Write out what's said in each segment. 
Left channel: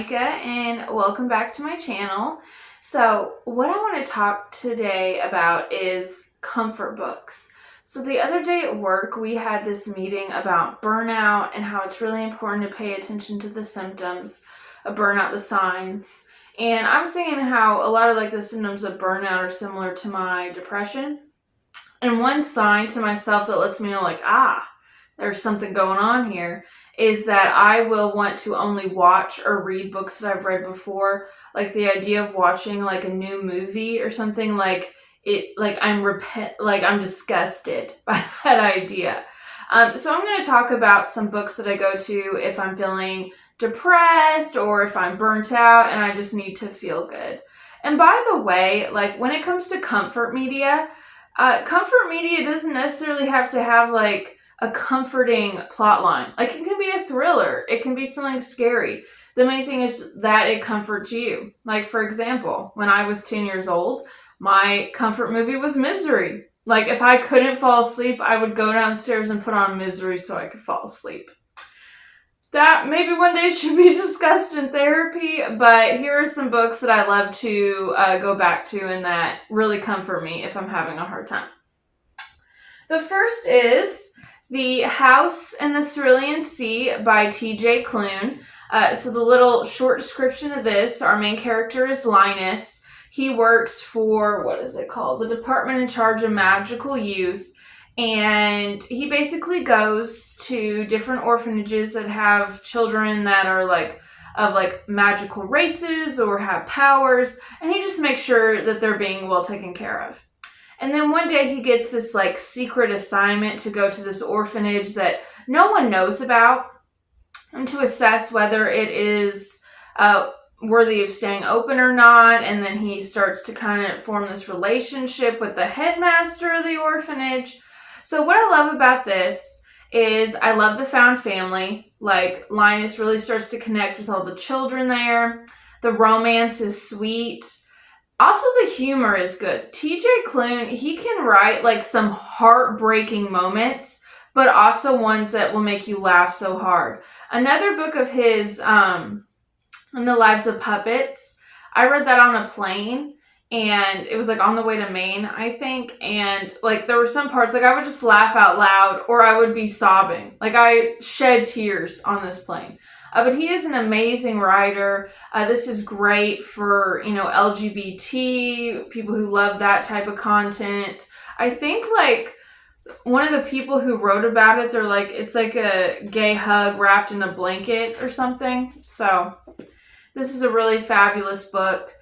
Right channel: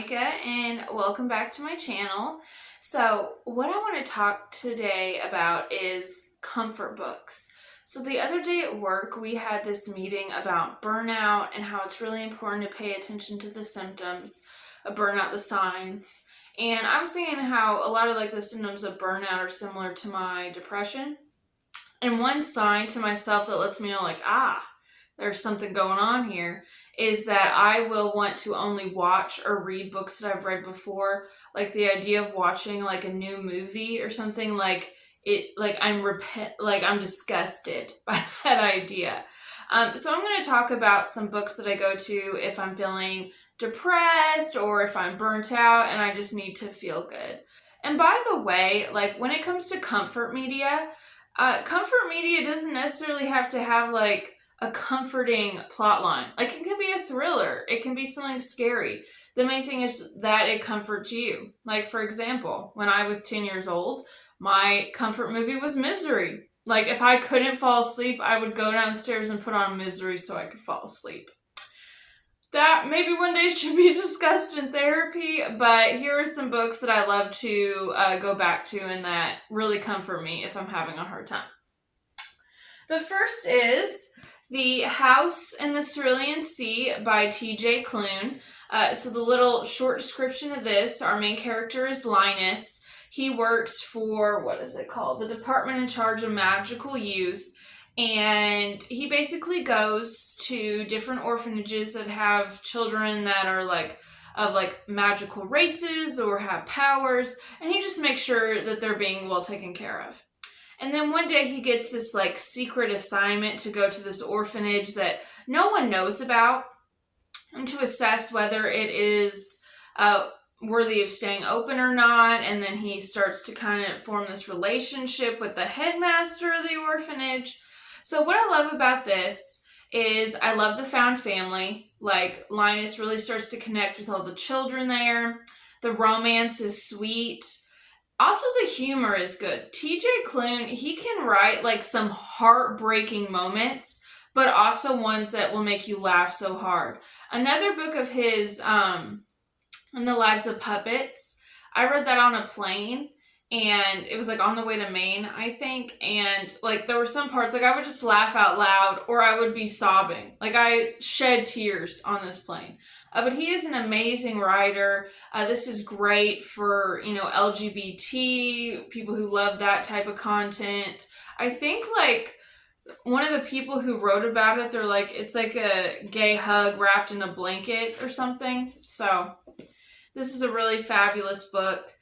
Micah and welcome back to my channel. So what I want to talk today about is comfort books. So the other day at work we had this meeting about burnout and how it's really important to pay attention to the symptoms of burnout, the signs. And I was thinking how a lot of the symptoms of burnout are similar to my depression. And one sign to myself that lets me know there's something going on here is that I will want to only watch or read books that I've read before. Like the idea of watching a new movie or something I'm disgusted by that idea. So I'm going to talk about some books that I go to if I'm feeling depressed or if I'm burnt out and I just need to feel good. And by the way, when it comes to comfort media doesn't necessarily have to have a comforting plot line. It can be a thriller. It can be something scary. The main thing is that it comforts you. For example, when I was 10 years old, my comfort movie was Misery. If I couldn't fall asleep, I would go downstairs and put on Misery so I could fall asleep. That maybe one day should be discussed in therapy, but here are some books that I love to go back to and that really comfort me if I'm having a hard time. The first is The House in the Cerulean Sea by T.J. Klune. So the little short description of this, our main character is Linus. He works for, the department in charge of magical youth. And he basically goes to different orphanages that have children that are of magical races or have powers. And he just makes sure that they're being well taken care of. And then one day he gets this secret assignment to go to this orphanage that no one knows about and to assess whether it is worthy of staying open or not. And then he starts to kind of form this relationship with the headmaster of the orphanage. So what I love about this is I love the found family. Linus really starts to connect with all the children there. The romance is sweet. Also, the humor is good. T.J. Klune, he can write some heartbreaking moments, but also ones that will make you laugh so hard. Another book of his, In the Lives of Puppets, I read that on a plane, and it was on the way to Maine, I think, and there were some parts, I would just laugh out loud, or I would be sobbing. I shed tears on this plane. But he is an amazing writer. This is great for, LGBT, people who love that type of content. I think, one of the people who wrote about it, they're it's a gay hug wrapped in a blanket or something. So, this is a really fabulous book.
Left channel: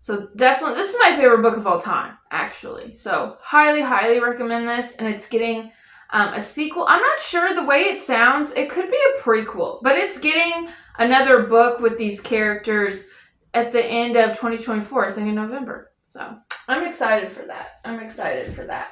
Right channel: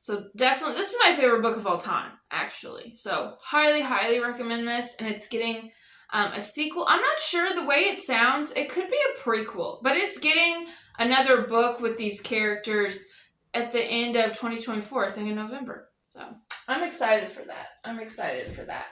So, definitely, this is my favorite book of all time, actually. So, highly, highly recommend this. And it's getting a sequel. I'm not sure the way it sounds. It could be a prequel, but it's getting another book with these characters at the end of 2024, I think in November. So I'm excited for that.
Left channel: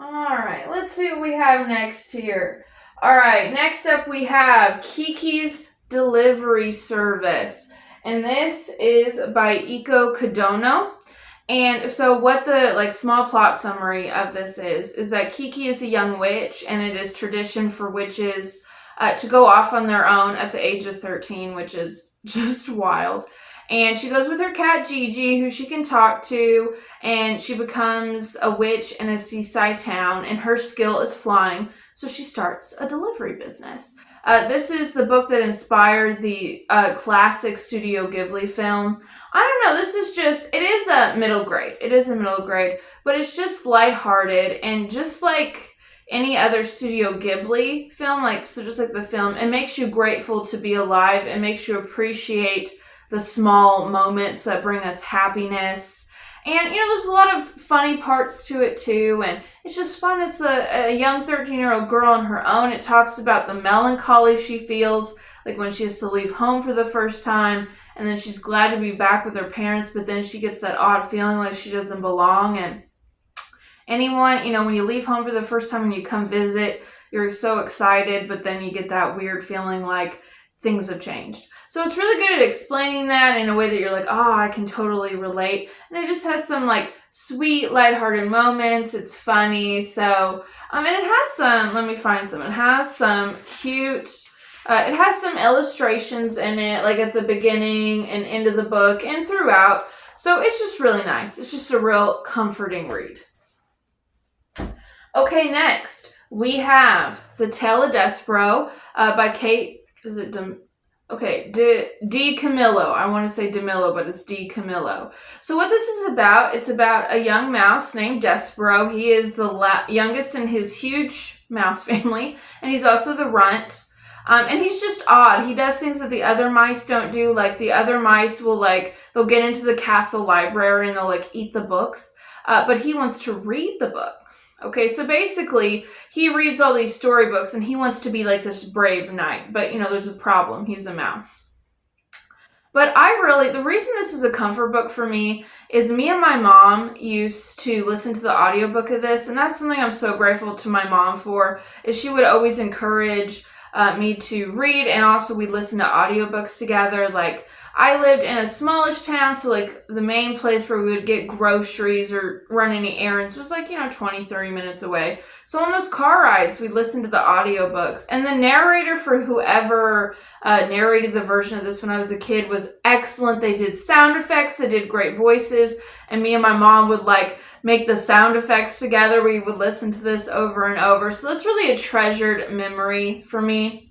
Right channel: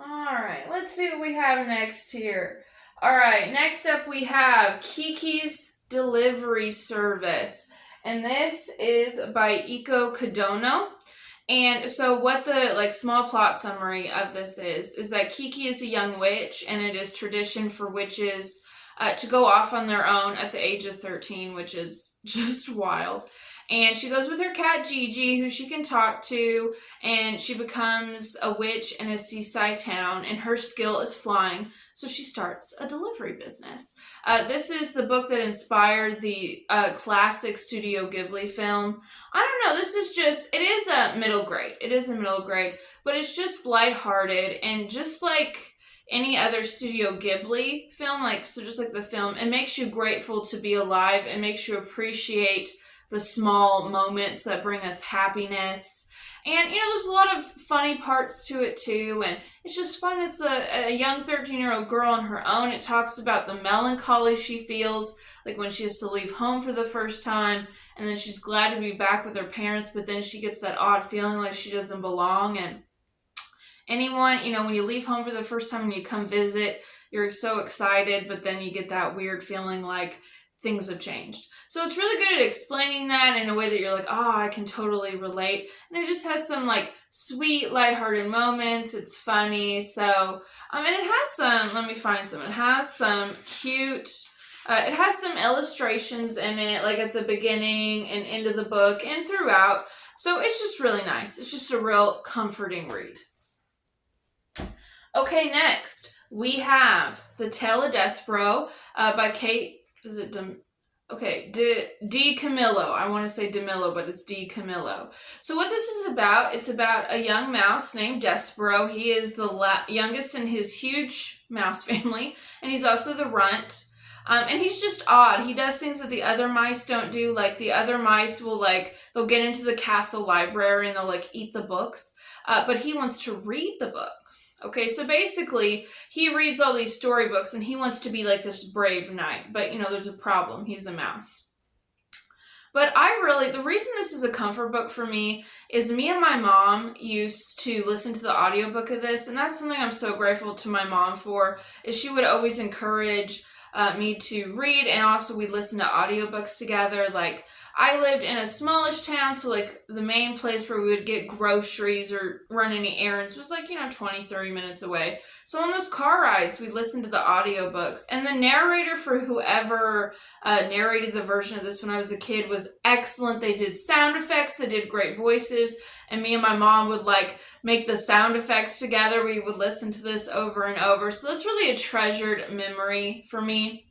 All right, let's see what we have next here. All right, next up we have Kiki's Delivery Service. And this is by Eiko Kadono. And so what the small plot summary of this is that Kiki is a young witch, and it is tradition for witches to go off on their own at the age of 13, which is just wild. And she goes with her cat Gigi, who she can talk to, and she becomes a witch in a seaside town, and her skill is flying, so she starts a delivery business. This is the book that inspired the classic Studio Ghibli film. I don't know, it is a middle grade. It is a middle grade, but it's just lighthearted, and just like any other Studio Ghibli film, the film, it makes you grateful to be alive. It makes you appreciate the small moments that bring us happiness. And, there's a lot of funny parts to it, too. And it's just fun. It's a young 13-year-old girl on her own. It talks about the melancholy she feels, when she has to leave home for the first time. And then she's glad to be back with her parents. But then she gets that odd feeling like she doesn't belong. And anyone, when you leave home for the first time and you come visit, you're so excited. But then you get that weird feeling things have changed. So it's really good at explaining that in a way that you're I can totally relate. And it just has some sweet, lighthearted moments. It's funny. So, and it has some, let me find some. It has some cute It has some illustrations in it, like at the beginning and end of the book and throughout. So it's just really nice. It's just a real comforting read. Okay, next we have The Tale of Despereaux by Kate. Is it DiCamillo. I want to say DiCamillo, but it's DiCamillo. So what this is about, it's about a young mouse named Despereaux. He is the youngest in his huge mouse family, and he's also the runt. And he's just odd. He does things that the other mice don't do. Like the other mice will they'll get into the castle library and they'll eat the books. But he wants to read the books. Okay, so basically he reads all these storybooks and he wants to be like this brave knight. But there's a problem. He's a mouse. But the reason this is a comfort book for me is me and my mom used to listen to the audiobook of this. And that's something I'm so grateful to my mom for, is she would always encourage me to read, and also we'd listen to audiobooks together. I lived in a smallish town, so the main place where we would get groceries or run any errands was 20, 30 minutes away. So on those car rides, we'd listen to the audiobooks. And the narrator for whoever narrated the version of this when I was a kid was excellent. They did sound effects, they did great voices, and me and my mom would make the sound effects together. We would listen to this over and over. So that's really a treasured memory for me.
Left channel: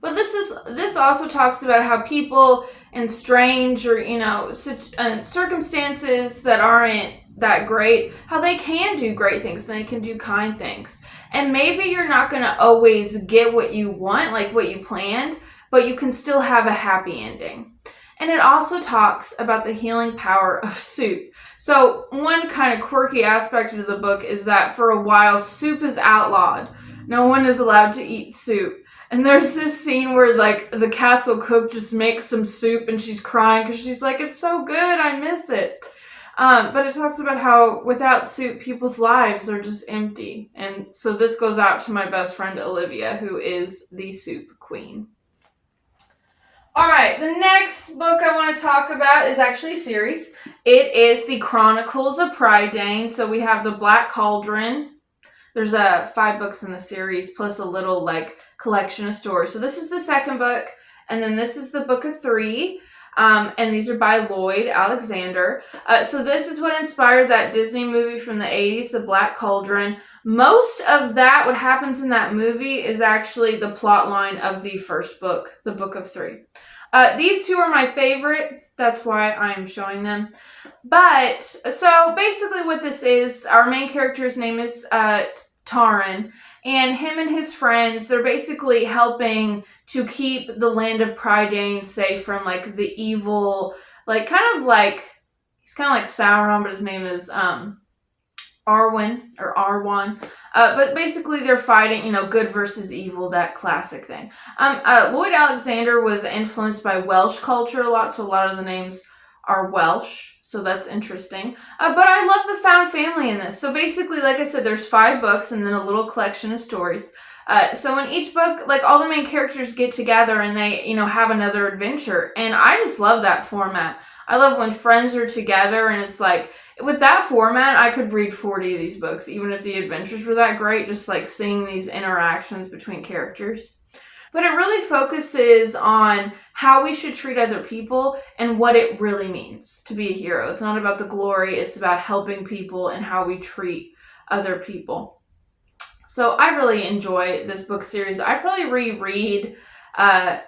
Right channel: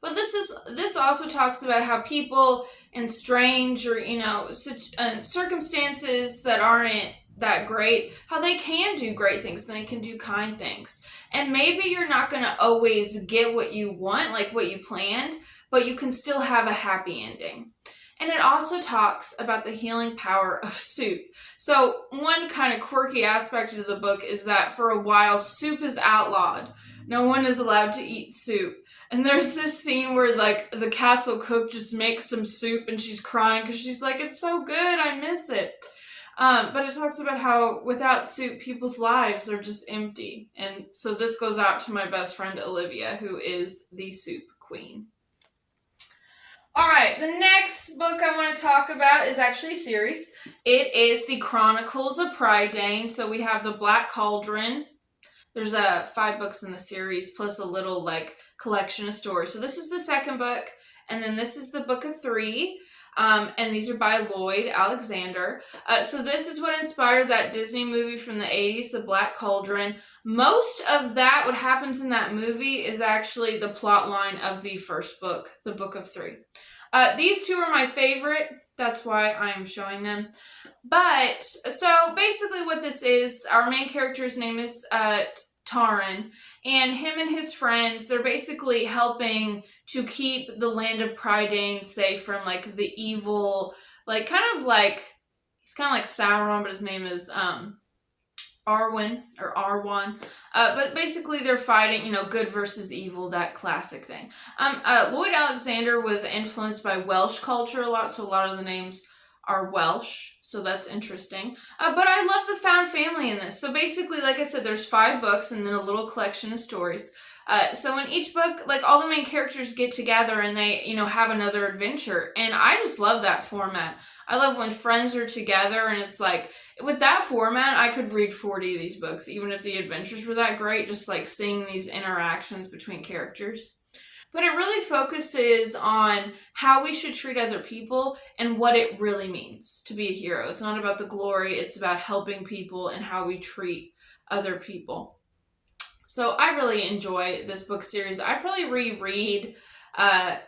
But this also talks about how people in strange or circumstances that aren't that great, how they can do great things and they can do kind things. And maybe you're not going to always get what you want, like what you planned, but you can still have a happy ending. And it also talks about the healing power of soup. So one kind of quirky aspect of the book is that for a while, soup is outlawed. No one is allowed to eat soup. And there's this scene where the castle cook just makes some soup and she's crying because she's like, it's so good, I miss it. But it talks about how without soup, people's lives are just empty. And so this goes out to my best friend, Olivia, who is the soup queen. All right, the next book I want to talk about is actually a series. It is the Chronicles of Prydain. So we have the Black Cauldron. There's 5 books in the series, plus a little collection of stories. So this is the second book, and then this is the book of 3. And these are by Lloyd Alexander. So this is what inspired that Disney movie from the 80s, The Black Cauldron. Most of that, what happens in that movie, is actually the plot line of the first book, the book of 3. These 2 are my favorite. That's why I'm showing them. But, so basically what this is, our main character's name is Taran, and him and his friends, they're basically helping to keep the land of Prydain safe from the evil, he's kind of like Sauron, but his name is Arwen or Arwan. But basically they're fighting, good versus evil, that classic thing. Lloyd Alexander was influenced by Welsh culture a lot, so a lot of the names are Welsh, so that's interesting. But I love the found family in this. So basically, like I said, there's 5 books and then a little collection of stories. So in each book, all the main characters get together and they, have another adventure. And I just love that format. I love when friends are together and it's with that format, I could read 40 of these books, even if the adventures were that great, just seeing these interactions between characters. But it really focuses on how we should treat other people and what it really means to be a hero. It's not about the glory, it's about helping people and how we treat other people. So I really enjoy this book series. I probably reread,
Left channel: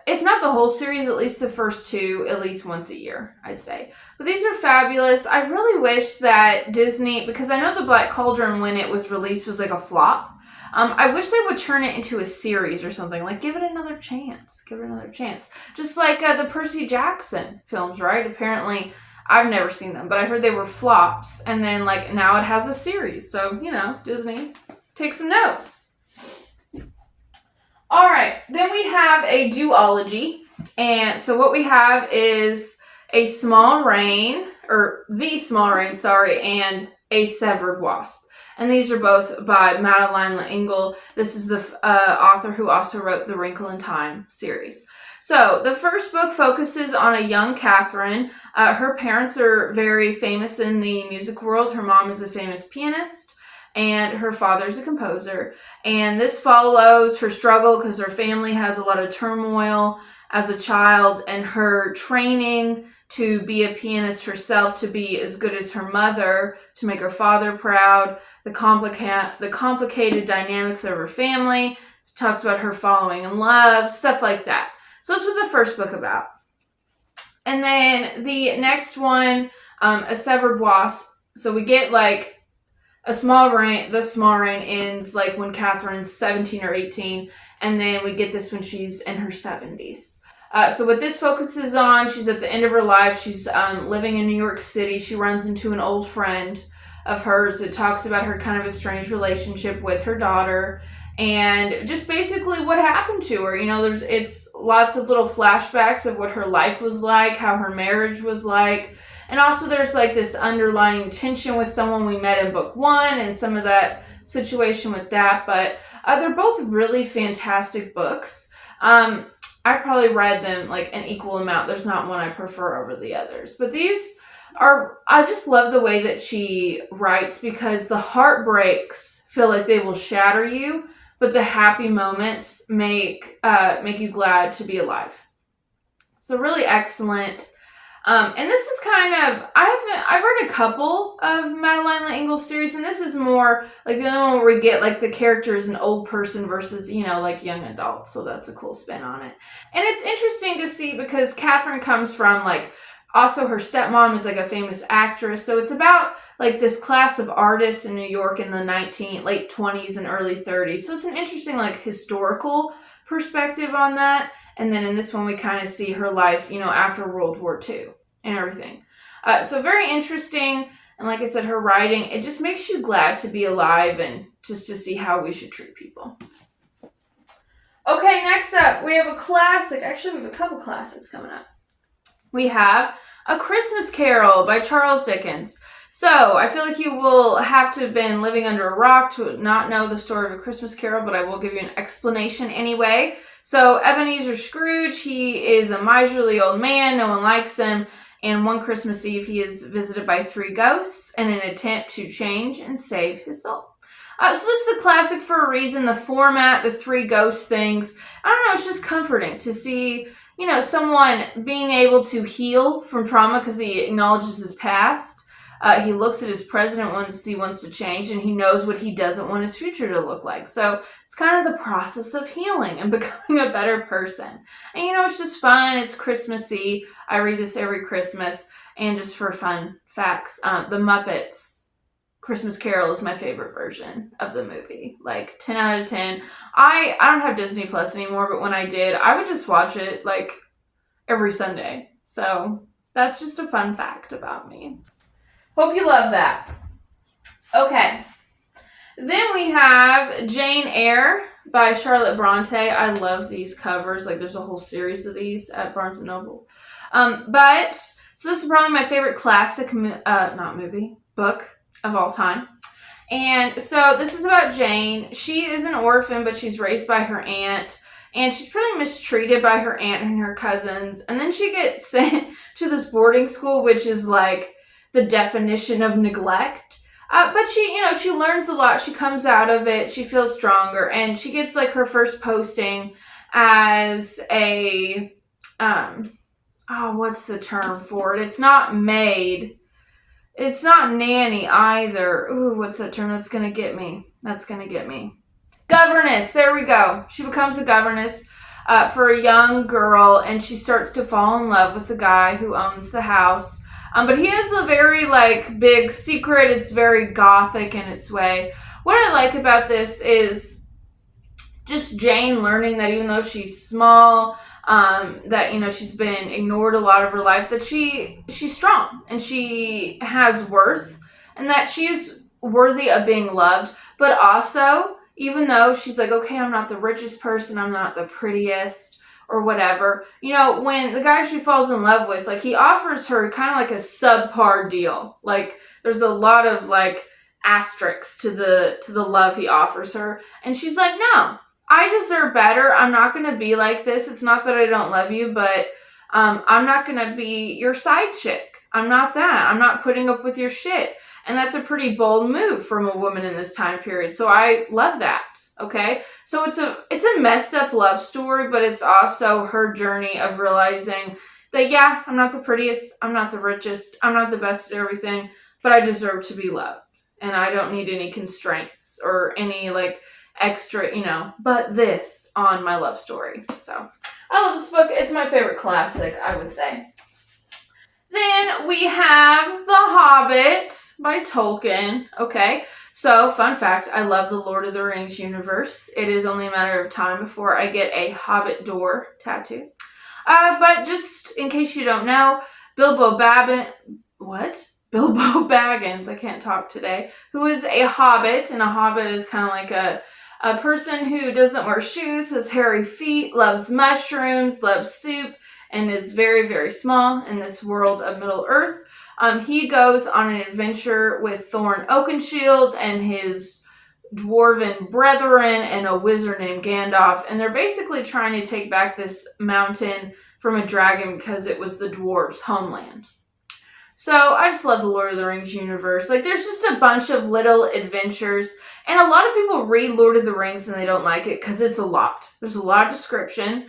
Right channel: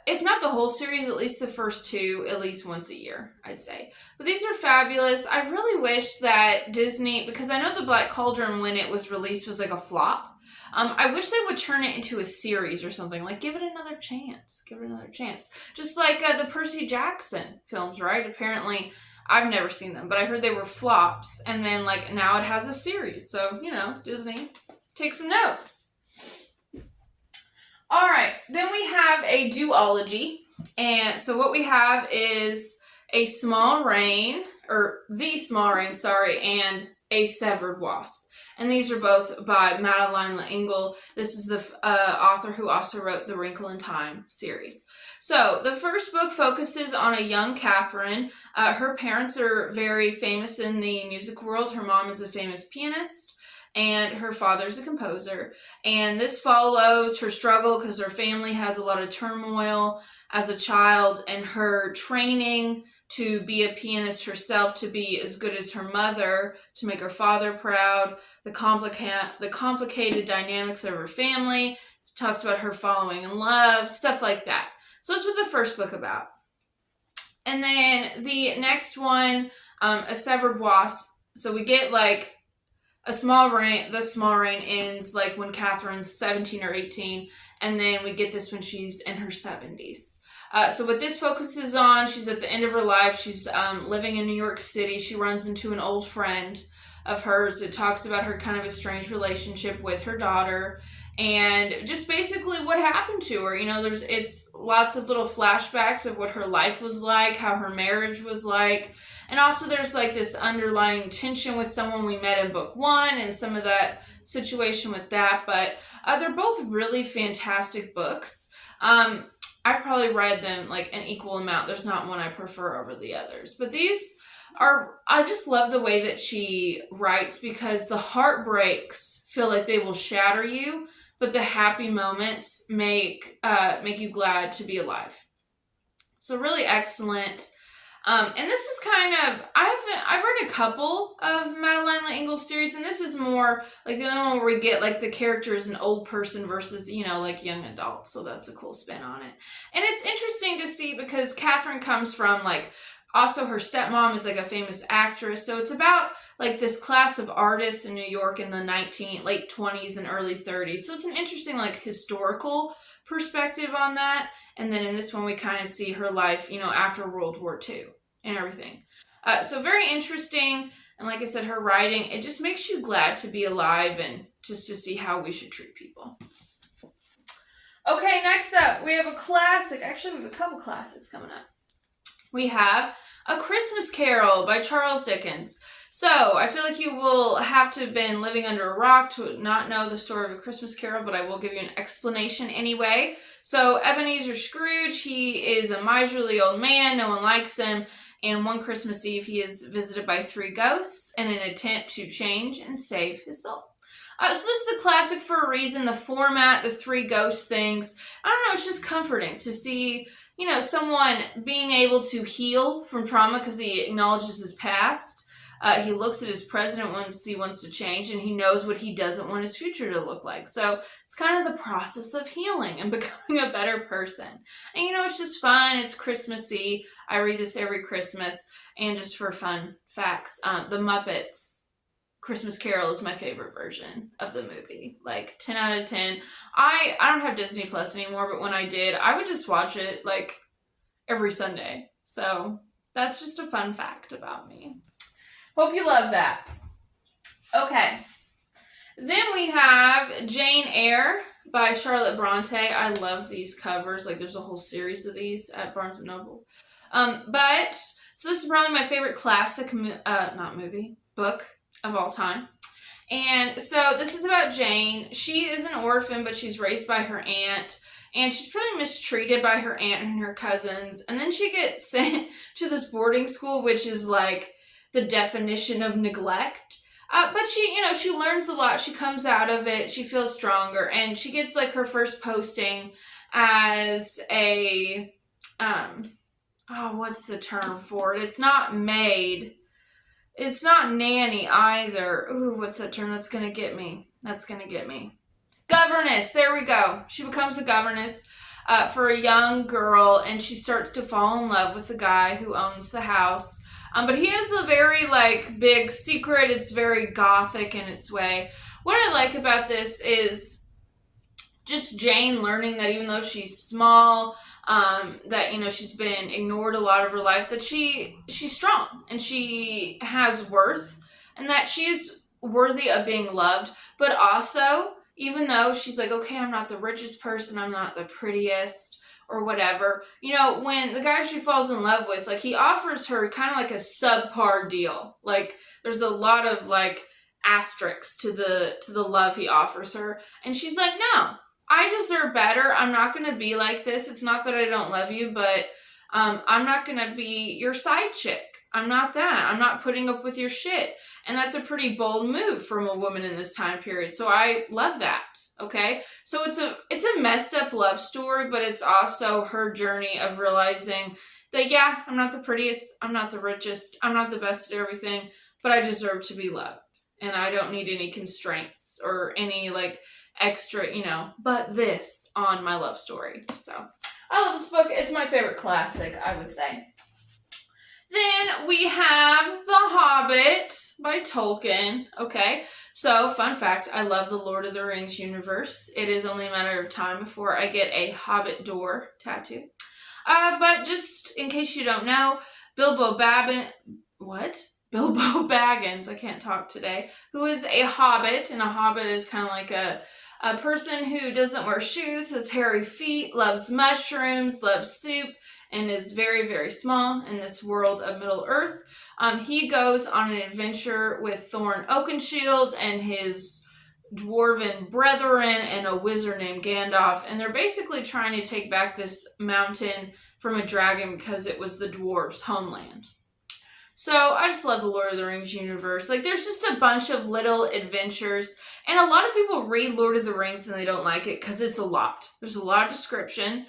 if not the whole series, at least the first 2, at least once a year, I'd say. But these are fabulous. I really wish that Disney, because I know The Black Cauldron, when it was released, was a flop. I wish they would turn it into a series or something. Give it another chance. Give it another chance. Just like the Percy Jackson films, right? Apparently, I've never seen them, but I heard they were flops. And then, now it has a series. So, Disney, take some notes. All right. Then we have a duology. And so what we have is A Small Rain, or The Small Rain, and A Severed Wasp. And these are both by Madeline L'Engle. This is the author who also wrote the Wrinkle in Time series. So the first book focuses on a young Catherine. Her parents are very famous in the music world. Her mom is a famous pianist. and her father's a composer. And this follows her struggle because her family has a lot of turmoil as a child, and her training to be a pianist herself, to be as good as her mother, to make her father proud, the complicated dynamics of her family, talks about her falling in love, stuff like that. So that's what the first book about. And then the next one, A Severed Wasp. So we get like a small rain. The small rain ends like when Catherine's 17 or 18, and then we get this when she's in her 70s. So what this focuses on, she's at the end of her life. She's living in New York City. She runs into an old friend of hers. It talks about her kind of estranged relationship with her daughter, and just basically what happened to her. You know, it's lots of little flashbacks of what her life was like, how her marriage was like, and also there's like this underlying tension with someone we met in book 1 and some of that situation with that. But they're both really fantastic books. I probably read them like an equal amount. There's not one I prefer over the others. But these are, I just love the way that she writes, because the heartbreaks feel like they will shatter you, but the happy moments make you glad to be alive. So really excellent. And this is kind of, I've read a couple of Madeline L'Engle's series, and this is more like the only one where we get like the character is an old person versus, you know, like young adults. So that's a cool spin on it. And it's interesting to see because Catherine comes from like, also her stepmom is like a famous actress. So it's about like this class of artists in New York in the late 20s and early 30s. So it's an interesting like historical perspective on that. And then in this one, we kind of see her life, you know, after World War II and everything. So very interesting. And like I said, her writing, it just makes you glad to be alive and just to see how we should treat people. Okay, next up, we have a classic. Actually, we have a couple classics coming up. We have A Christmas Carol by Charles Dickens. So I feel like you will have to have been living under a rock to not know the story of A Christmas Carol, but I will give you an explanation anyway. So Ebenezer Scrooge, he is a miserly old man. No one likes him. And one Christmas Eve, he is visited by 3 ghosts in an attempt to change and save his soul. So this is a classic for a reason. The format, the 3 ghost things. I don't know, it's just comforting to see, you know, someone being able to heal from trauma because he acknowledges his past. He looks at his present once he wants to change, and he knows what he doesn't want his future to look like. So it's kind of the process of healing and becoming a better person. And, you know, it's just fun. It's Christmassy. I read this every Christmas. And just for fun facts, The Muppets Christmas Carol is my favorite version of the movie. Like 10 out of 10. I don't have Disney Plus anymore, but when I did, I would just watch it like every Sunday. So that's just a fun fact about me. Hope you love that. Okay. Then we have Jane Eyre by Charlotte Bronte. I love these covers. Like there's a whole series of these at Barnes & Noble. So this is probably my favorite classic, book of all time. And so this is about Jane. She is an orphan, but she's raised by her aunt. And she's pretty mistreated by her aunt and her cousins. And then she gets sent to this boarding school, which is like the definition of neglect. But she learns a lot. She comes out of it. She feels stronger. And she gets like her first posting as a, what's the term for it? It's not maid. It's not nanny either. Ooh, what's that term? That's going to get me. Governess. There we go. She becomes a governess for a young girl, and she starts to fall in love with the guy who owns the house. But he has a very, like, big secret. It's very gothic in its way. What I like about this is just Jane learning that even though she's small, that, you know, she's been ignored a lot of her life, that she's strong and she has worth and that she's worthy of being loved. But also, even though she's like, okay, I'm not the richest person, I'm not the prettiest, or whatever, you know, when the guy she falls in love with, like, he offers her kind of like a subpar deal. Like, there's a lot of like asterisks to the love he offers her, and she's like, no, I deserve better. I'm not gonna be like this. It's not that I don't love you, but I'm not gonna be your side chick. I'm not that. I'm not putting up with your shit. And that's a pretty bold move from a woman in this time period. So I love that. Okay. So it's a messed up love story, but it's also her journey of realizing that, yeah, I'm not the prettiest. I'm not the richest. I'm not the best at everything, but I deserve to be loved. And I don't need any constraints or any like extra, but this on my love story. So I love this book. It's my favorite classic, I would say. Then we have The Hobbit by Tolkien. Okay, so fun fact, I love the Lord of the Rings universe. It is only a matter of time before I get a Hobbit door tattoo. But just in case you don't know, Bilbo Baggins, I can't talk today, who is a hobbit, and a hobbit is kind of like a person who doesn't wear shoes, has hairy feet, loves mushrooms, loves soup, and is very, very small in this world of Middle-earth. He goes on an adventure with Thorin Oakenshield and his dwarven brethren and a wizard named Gandalf, and they're basically trying to take back this mountain from a dragon because it was the dwarves' homeland. So I just love the Lord of the Rings universe. Like, there's just a bunch of little adventures, and a lot of people read Lord of the Rings and they don't like it because it's a lot. There's a lot of description.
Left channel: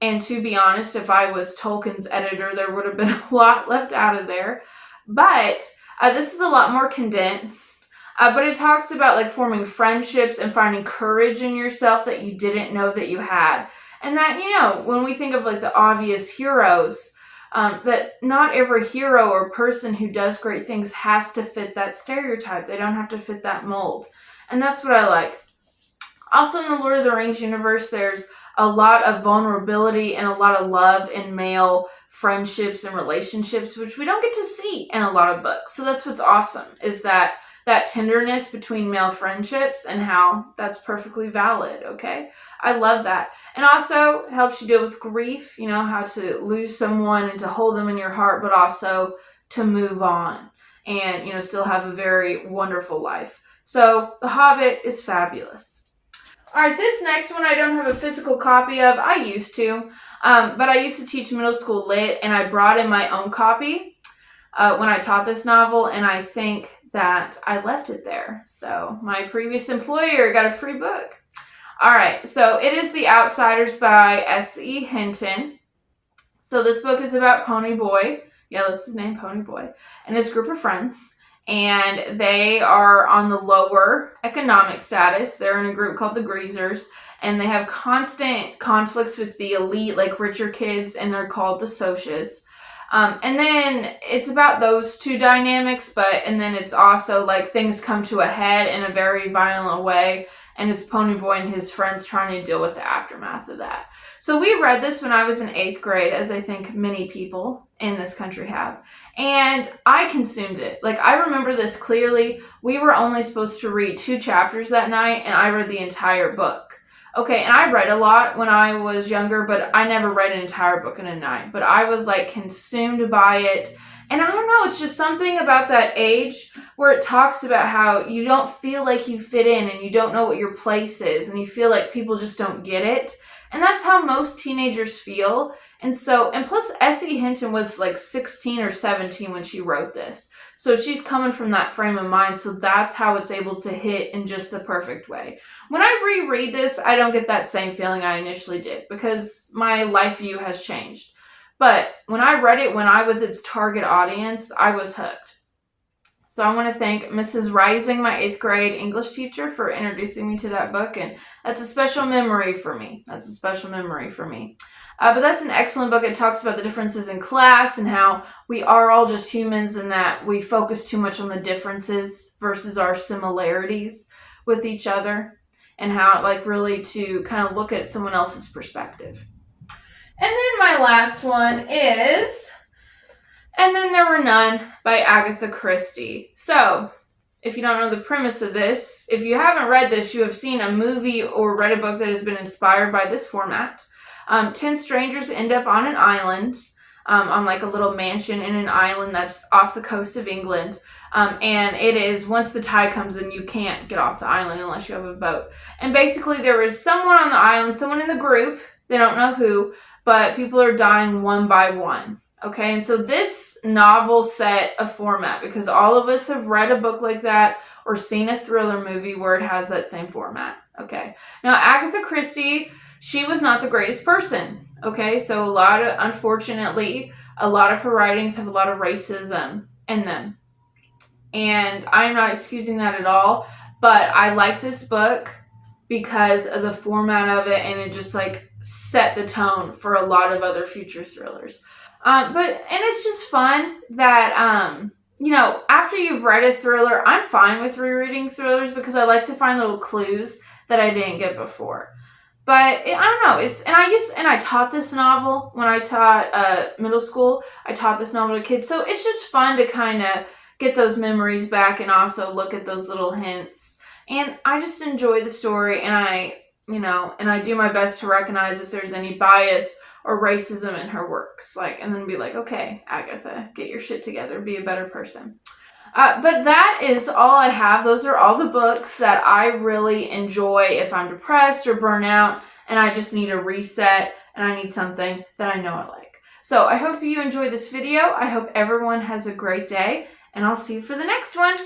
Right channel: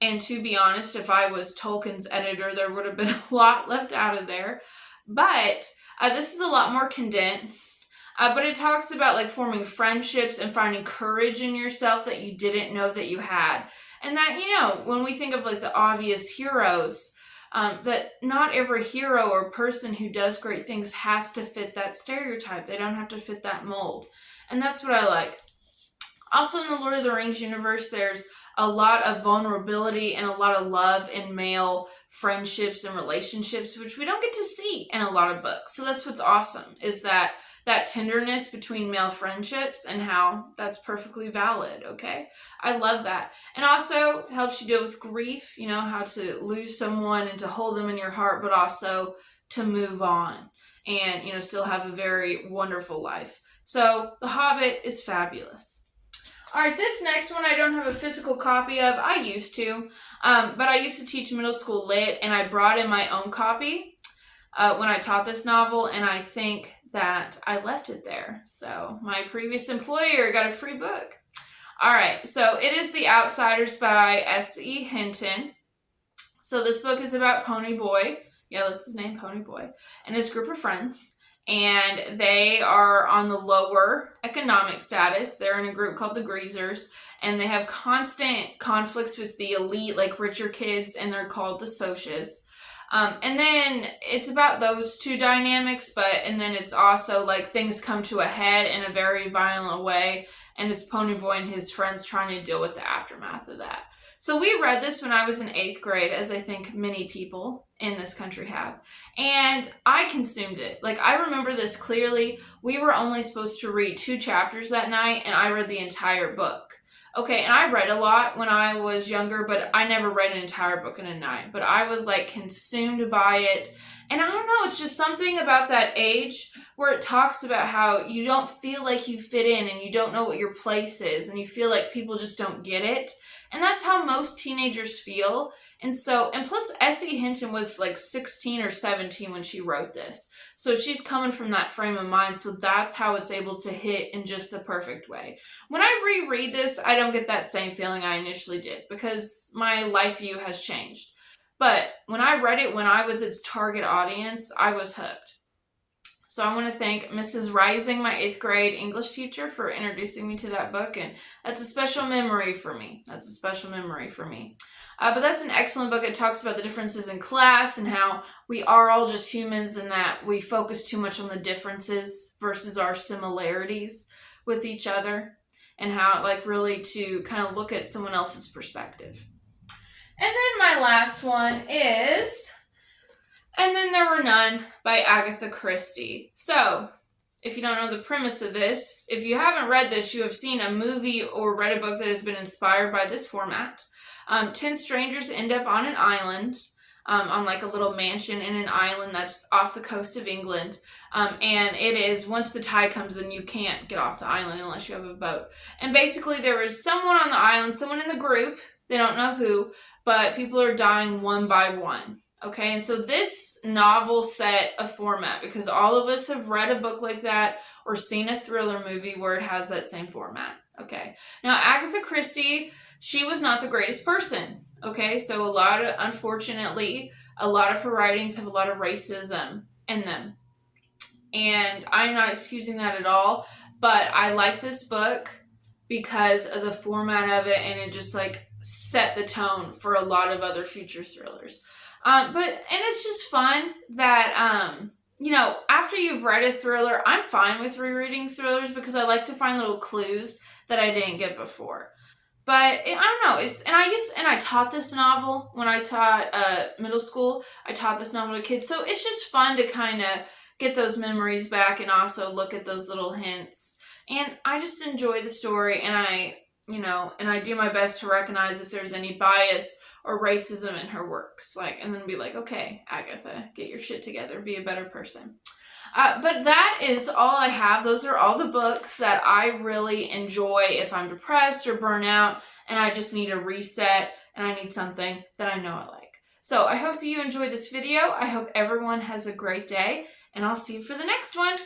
And to be honest, if I was Tolkien's editor, there would have been a lot left out of there. But this is a lot more condensed. But it talks about like forming friendships and finding courage in yourself that you didn't know that you had. And that, when we think of like the obvious heroes, that not every hero or person who does great things has to fit that stereotype. They don't have to fit that mold. And that's what I like. Also in the Lord of the Rings universe, there's a lot of vulnerability and a lot of love in male friendships and relationships, which we don't get to see in a lot of books. So that's what's awesome, is that tenderness between male friendships and how that's perfectly valid, okay? I love that. And also it helps you deal with grief, how to lose someone and to hold them in your heart, but also to move on and, still have a very wonderful life. So The Hobbit is fabulous. All right, this next one I don't have a physical copy of. I used to, but I used to teach middle school lit, and I brought in my own copy when I taught this novel, and I think that I left it there. So my previous employer got a free book. All right, so it is The Outsiders by SE Hinton. So this book is about Pony Boy. Yeah, that's his name, Pony Boy, and his group of friends. And they are on the lower economic status. They're in a group called the Greasers, and they have constant conflicts with the elite, like richer kids, and they're called the Socias. And then it's about those two dynamics, and then it's also like things come to a head in a very violent way, and it's Pony Boy and his friends trying to deal with the aftermath of that. So we read this when I was in 8th grade, as I think many people in this country have. And I consumed it. Like, I remember this clearly. We were only supposed to read 2 chapters that night, and I read the entire book. Okay, and I read a lot when I was younger, but I never read an entire book in a night. But I was, like, consumed by it. And I don't know, it's just something about that age where it talks about how you don't feel like you fit in and you don't know what your place is, and you feel like people just don't get it. And that's how most teenagers feel. And plus S.E. Hinton was like 16 or 17 when she wrote this. So she's coming from that frame of mind. So that's how it's able to hit in just the perfect way. When I reread this, I don't get that same feeling I initially did because my life view has changed. But when I read it, when I was its target audience, I was hooked. So I want to thank Mrs. Rising, my 8th grade English teacher, for introducing me to that book. And that's a special memory for me. But that's an excellent book. It talks about the differences in class and how we are all just humans and that we focus too much on the differences versus our similarities with each other, and how like really to kind of look at someone else's perspective. And then my last one is And Then There Were None by Agatha Christie. So, if you don't know the premise of this, if you haven't read this, you have seen a movie or read a book that has been inspired by this format. 10 strangers end up on an island, on like a little mansion in an island that's off the coast of England. And it is, once the tide comes in, you can't get off the island unless you have a boat. And basically there is someone on the island, someone in the group, they don't know who, but people are dying one by one. Okay, and so this novel set a format because all of us have read a book like that or seen a thriller movie where it has that same format. Okay, now Agatha Christie, she was not the greatest person. Okay, so unfortunately, a lot of her writings have a lot of racism in them. And I'm not excusing that at all, but I like this book because of the format of it, and it just like set the tone for a lot of other future thrillers. And it's just fun that after you've read a thriller, I'm fine with rereading thrillers because I like to find little clues that I didn't get before. But I don't know. I taught this novel when I taught middle school. I taught this novel to kids, so it's just fun to kind of get those memories back and also look at those little hints. And I just enjoy the story, and I do my best to recognize if there's any bias or racism in her works, and then be like, okay, Agatha, get your shit together, be a better person. But that is all I have. Those are all the books that I really enjoy if I'm depressed or burnt out and I just need a reset and I need something that I know I like. So I hope you enjoyed this video. I hope everyone has a great day, and I'll see you for the next one.